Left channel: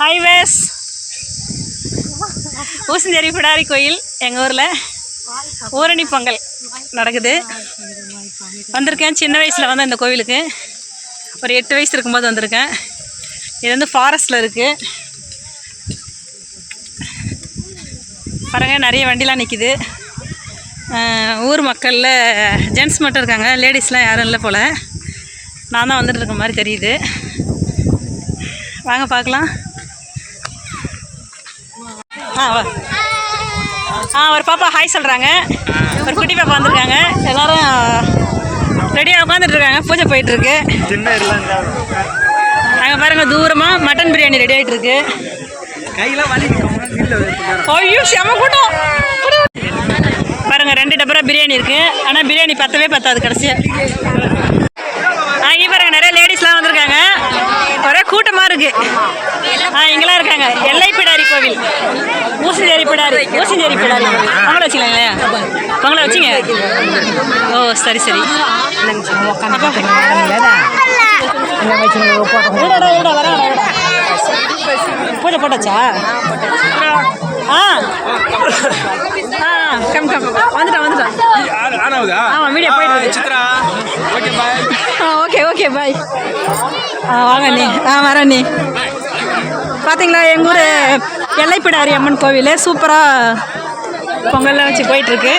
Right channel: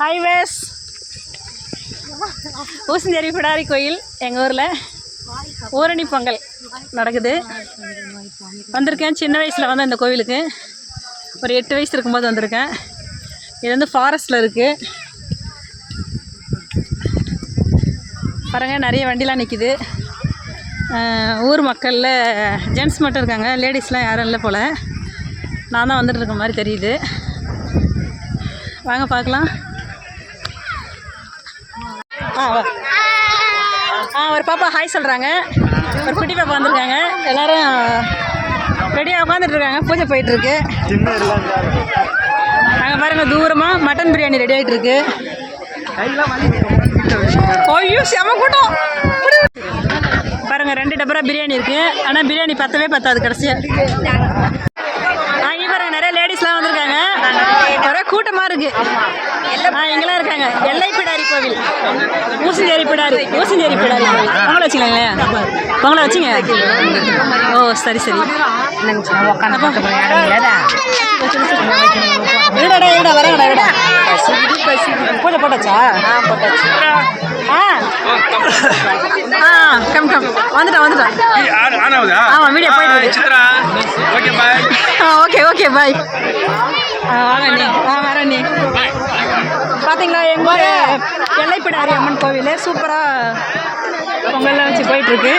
Highways ஊசஞ்சேரி Pidari கோயில் எங்கள் ஊரில்? ஊரணி பொங்கல் நடக்குது. வந்திருக்கேன். சின்ன வயசில் வந்து இந்த கோவிலுக்கு. ஒரு எட்டு வயசு இருக்கும்போது வந்திருக்கேன். இது வந்து ஃபாரஸ்ட்டில் இருக்குது பாருங்க நிறைய வண்டிலாம் நிற்கிது ஊர் மக்களில் ஜென்ட்ஸ் மட்டும் இருக்காங்க. லேடிஸ்லாம் யாரும் இல்லை போல். நான் தான் வந்துட்டு இருக்க மாதிரி தெரியுது. வாங்க பார்க்கலாம். ஆ ஆ ஒரு பாப்பா ஹாய் சொல்கிறாங்க ஒரு குட்டி பாப்பா வந்திருக்காங்க. எல்லாரும் ரெடியாக உட்காந்துட்டு இருக்காங்க பூஜை போயிட்டுருக்கு. அங்கே பாருங்கள் தூரமாக மட்டன் பிரியாணி ரெடி ஆகிட்டு இருக்கு ஐயோ செம கூட்டம். பாருங்கள் ரெண்டு டப்பரா பிரியாணி இருக்குது ஆனால் பிரியாணி பத்தவே பத்தாது கடைசியாக நிறைய லேடிஸ்லாம் வந்திருக்காங்க. ஒரே கூட்டமாக இருக்கு. ஆ இங்கெல்லாம் இருக்காங்க. எல்லை பிடாரி கோவில். ஊசிஞ்சேரி பிடாரி ஊசிஞ்சேரி பிடாரி. பொங்கலை வச்சுக்கலாங்களே பொங்கலை வச்சுங்க. ஓ சரி சரி. இருடா இருடா பூஜை போட்டாச்சா? ஆ. ஆ கம் கம் வந்துட்டான் வந்துட்டான் ஆமா வீடியோ போயிட்டு. ஆ ஓகே ஓகே பாய் ஆ வாங்க நீ. ஆ வரேன் நீ. பார்த்தீங்களா எங்கள் ஊர் எல்லைப்பிடாரி அம்மன் கோவில். சூப்பராக பொங்கல்லாம் வச்சு போயிட்டுருக்கு.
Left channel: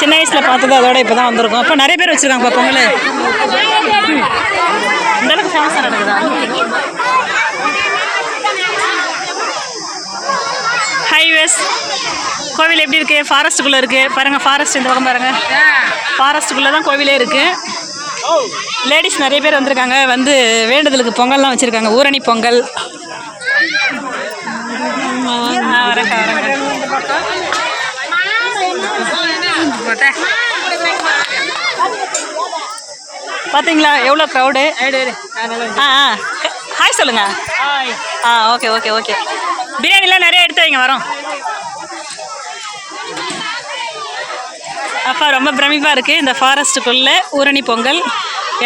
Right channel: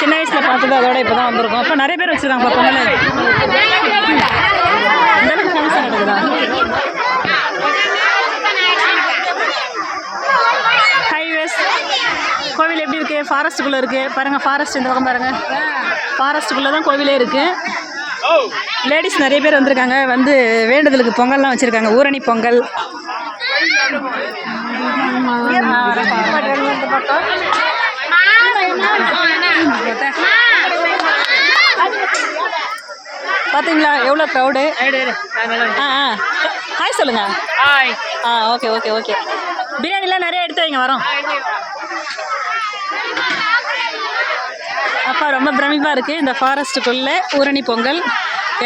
சின்ன வயசில் பார்த்தது அதோட இப்போ தான் வந்திருக்கோம். இப்போ நிறைய பேர் வச்சுருக்காங்கப்பா பொங்கல் இந்த அளவுக்கு ஃபேமஸாக நடக்குதா ஹைவேஸ் கோவில் எப்படி இருக்குது ஃபாரஸ்ட்டுக்குள்ளே இருக்குது பாருங்கள் ஃபாரஸ்ட் இந்த பக்கம் பாருங்கள் ஃபாரஸ்ட்டுக்குள்ளே தான் கோவிலே இருக்குது லேடிஸ் நிறைய பேர் வந்திருக்காங்க. வந்து வேண்டுதலுக்கு பொங்கல்லாம் வச்சுருக்காங்க. ஊரணி பொங்கல். வரேங்க வரேங்க பார்த்தீங்களா எவ்வளோ க்ரௌடு ஆ ஆ. ஹாய் சொல்லுங்க. ஆ ஓகே ஓகே ஓகே பிரியாணிலாம் நிறைய எடுத்து வைங்க வரோம். அப்பா ரொம்ப பிரமிப்பாக இருக்குது இந்த ஃபாரஸ்ட்டுக்குள்ளே ஊரணி பொங்கல்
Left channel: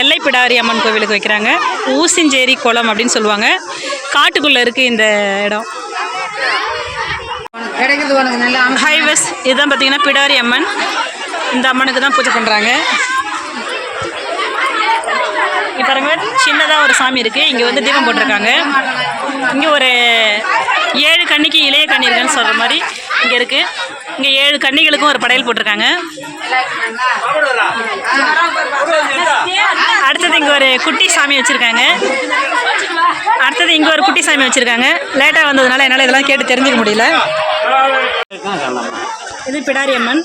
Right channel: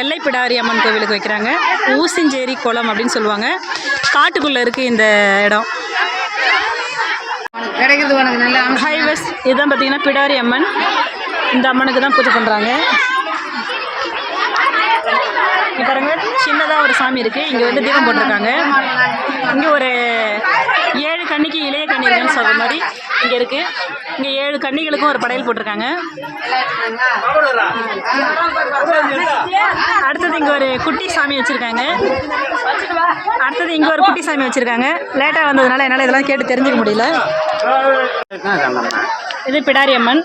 எல்லைப்பிடாரி அம்மன் கோவிலுக்கு வைக்கிறாங்க. ஊசிஞ்சேரி குளம் அப்படின்னு சொல்லுவாங்க. காட்டுக்குள்ளே இருக்குது இந்த இடம். கிடைக்கிறது உனக்கு நல்ல ஹைவேஸ் இதுதான் பார்த்தீங்கன்னா பிடாரி அம்மன். இந்த அம்மனுக்கு தான் பூஜை பண்ணுறாங்க இங்கே பாருங்க சின்னதாக ஒரு சாமி இருக்குது இங்கே வந்து தீபம் போட்டிருக்காங்க. இங்கே ஒரு ஏழு கன்னிக்கு இளைய கன்னி இருக்குன்னு சொல்கிற மாதிரி இங்கே இருக்குது இங்கே ஏழு கன்னிகளுக்கும் ஒரு படையல் போட்டிருக்காங்க. அடுத்தது இங்கே ஒரு குட்டி சாமி வச்சுருக்காங்க. அடுத்தது இங்கே ஒரு குட்டி சாமி வச்சுருக்காங்க. லேட்டாக வந்ததுனால என்னால் இதெல்லாம் கேட்டு தெரிஞ்சுக்க முடியல. இது பிடாரி அம்மன்.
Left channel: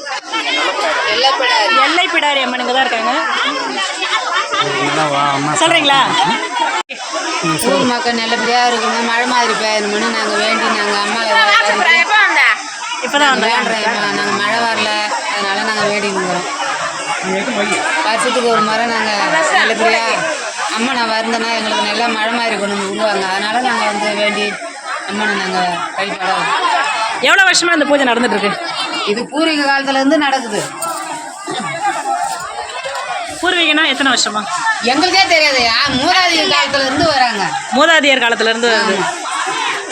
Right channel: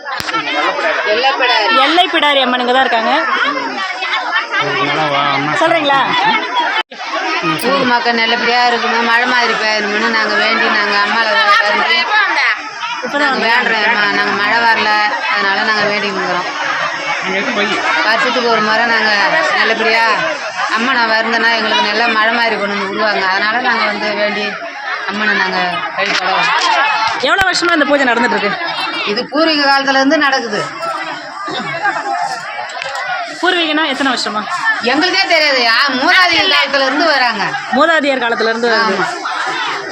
எல்லை பிடாரி அம்மன் இங்கே தான் இருக்காங்க. சொல்கிறீங்களா ஊர் மக்கள் நல்லபடியாக இருக்கணும். மழை மாதிரி பெய்யணும்னு நாங்கள் வேண்டி நாங்கள் அம்மாவை இப்போ தான் அம்மா நாங்கள் மழை வரல. அதனால நாங்கள் வேண்டிக்கிறோம் வருஷத்துக்கு ஒரு முறை நாங்கள் நல்லபடியாக அம்மனை வருந்தனா எங்களுக்கு நல்லா மழை மாதிரி கொண்டு வந்து விடுவாங்க. அதனால நாங்கள் வந்து வேண்டி அம்மனை நாங்கள் வழிபட எவ்வளோ வருஷமாக இந்த பூஜை நடந்துட்டு இருக்கு இது பூர்வீக காலத்துலேருந்து நடக்குது. பூர்வீகனா எத்தனை வருஷமா? எங்களுக்கே தெரியாது. ஆ, மூதாதைய காலத்துலேருந்து வராங்க. மூதாதையர் காலத்துலேருந்து வருது.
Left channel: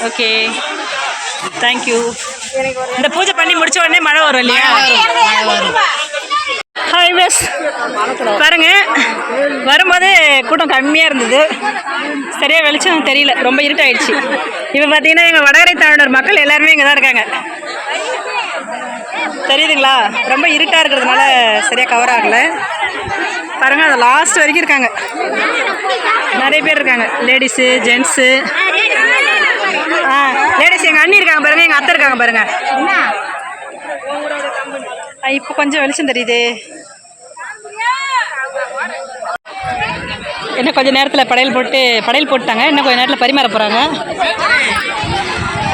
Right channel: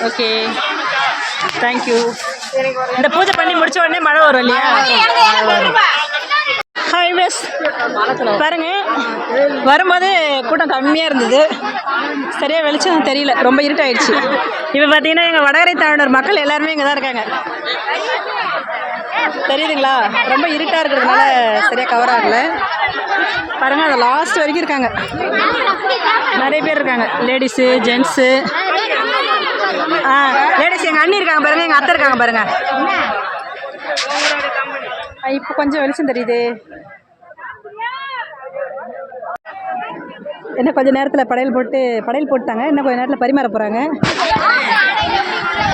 ஓகே தேங்க்யூ இந்த பூஜை பண்ணி முடிச்ச உடனே மழை வரும் இல்லையா? ஹைவேஸ் பாருங்க வரும்போது கூட்டம் கம்மியாக இருந்தது. சரியாக வெளிச்சம் தெரியல ரொம்ப இருட்டாயிடுச்சு. இப்போ பார்த்தீங்கன்னா எங்கள் வடகரை தமிழர் மக்கள் எல்லாருமே இங்கே தான் இருக்காங்க. தெரியுதுங்களா? ரொம்ப இருட்டாக இருக்கிறதுனால சரியாக கவர் ஆகலை. பாருங்க அது லாஸ்ட் வரைக்கும் இருக்காங்க. நிறைய பேர் இருக்காங்க. லேடிஸு ஜென்ஸு ஆ லேடிஸ் எங்கள் அண்ணி இருக்காங்க பாருங்க எங்கள் அத்தை இருக்காங்க பாருங்க. இப்போ கொஞ்சம் வெளிச்சம் தெரியுது. இன்னும் கொஞ்சம் நேரத்தில் படையல் போட்டு படையல் போட்டாங்க இன்னும் கொஞ்சம் நேரத்தில் பரிமாற போகிறாங்க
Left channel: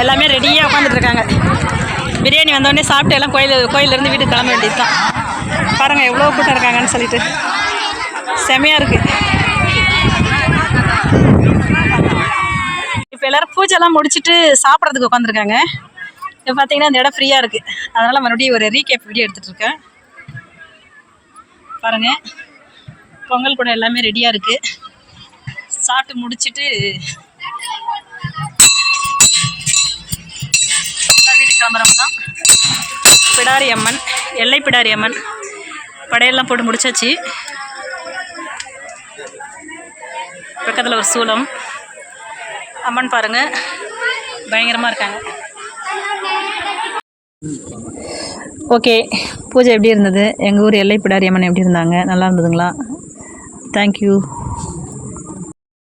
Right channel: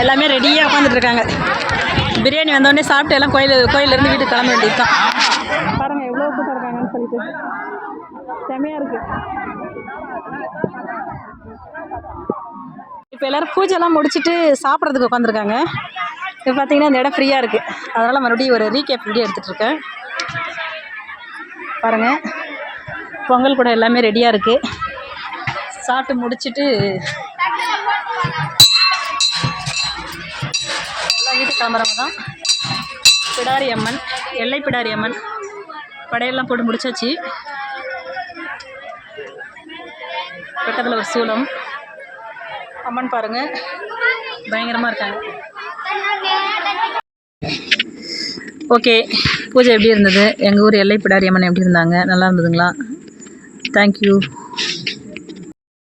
எல்லாமே ரெடியாக உட்காந்துட்டு இருக்காங்க. பிரியாணி வந்தோடனே சாப்பிட்டு எல்லாம் கோயில் கோயிலேருந்து வீட்டுக்கு கிளம்ப வேண்டியது தான் பாருங்கள் எவ்வளோ கூட்டம் இருக்காங்கன்னு சொல்லிட்டு. செமையாக இருக்குது இப்போ எல்லோரும் பூஜைலாம் முடிச்சுட்டு சாப்பிட்றதுக்கு உட்காந்துருக்காங்க. இப்போ பார்த்தீங்கன்னா இந்த இடம் ஃப்ரீயாக இருக்குது அதனால் மறுபடியும் ஒரு ரீகேப் வீடியோ எடுத்துகிட்டு இருக்கேன். பாருங்கள் பொங்கல் கூட எல்லாமே ரெடியாக இருக்குது சாப்பிட்டு முடிச்சுட்டு எல்லா வீட்டுக்கு கிளம்புறவங்க தான். பிடாரி அம்மன் எல்லை பிடாரி அம்மன். படையெல்லாம் போட்டு முடிச்சாச்சு. பக்கத்தில் ஒரு சூலம் அம்மன் பாருங்க. பயங்கரமாக இருக்காங்க. ஓகே பூஜை எப்படி இருந்தது? எங்கள் ஊர் எல்லை பிடாரி அம்மன் எப்படி இருந்தாங்க? நல்லா இருந்ததுங்களா? தேங்க்யூ